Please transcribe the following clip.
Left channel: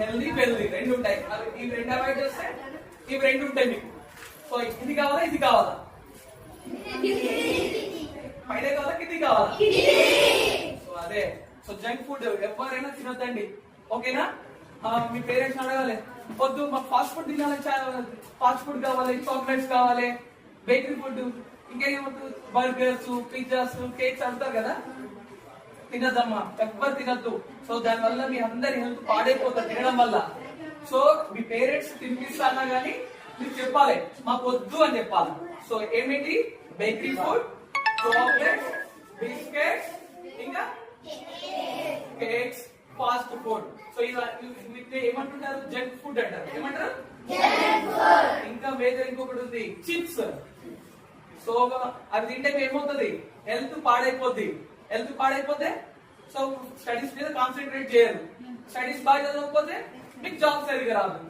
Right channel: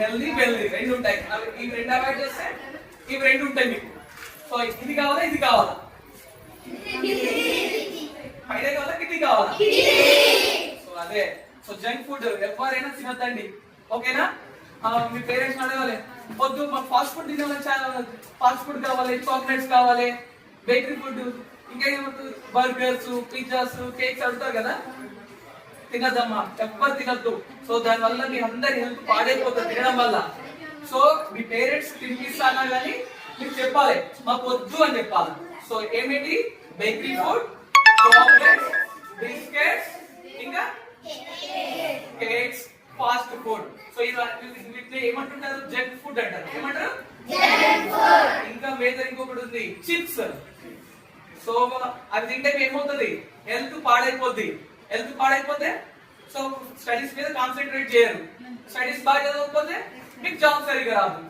Healthy wealthy రెండు ఉంటాయి. ఇవి రెండు అవాయిడ్ చేస్తే ఇవి రెండు ఉంటాయి మీకు. సో ఇది కావాలా ఇది కావాలా, పైన కావాలా కింది కావాలా? సో అదే. సో జంక్ ఫుడ్ ఎవరైనా తినొద్దండి, ఓకేనా? మీ పేరెంట్స్ అడగాలి, వద్దు మాకు ఫాస్ట్ ఫుడ్ తినాలని, ఫాస్ట్ ఫుడ్ కావాలి, చాక్లెట్స్ కావాలి, బేకరీ ఫుడ్, ఇంకా ఏమంటారు బర్గర్స్, పిజ్జాస్, కేక్స్ అడుగుతారు కదా, తినద్దమ్మా, ఎవ్వరు తినద్దు. సో దాని వల్ల మీ అందరి హెల్త్ పాడైపోతుంది తినడం వల్ల. సో మీ పేరెంట్స్ తినిపిస్తానా గానీ మీకు చెప్పాలి, మాకు వద్దు అని చెప్పాలి. సో ఏమిటి? బేకరీ ఫుడ్, చాక్లెట్స్, బిస్కెట్స్, ఇంకా కేక్స్, ఫాస్ట్ ఫుడ్. సో వీటిని ఏమంటుంటారు? జంక్ ఫుడ్ అంటారు. ఏమంటారు? ఇంకా వేరే ఇంకొకటి ఉంది, చిప్స్. సో అది తింటే ఏమవుతుంది? హెల్త్ పాడైపోద్ది. హెల్త్ పాడైపోతే సో స్టడీస్ మీద కాన్సన్ట్రేట్ చేయరు. స్టడీస్ బాగా చదవకపోతే మీకు జాబ్ సరిగా రాదు.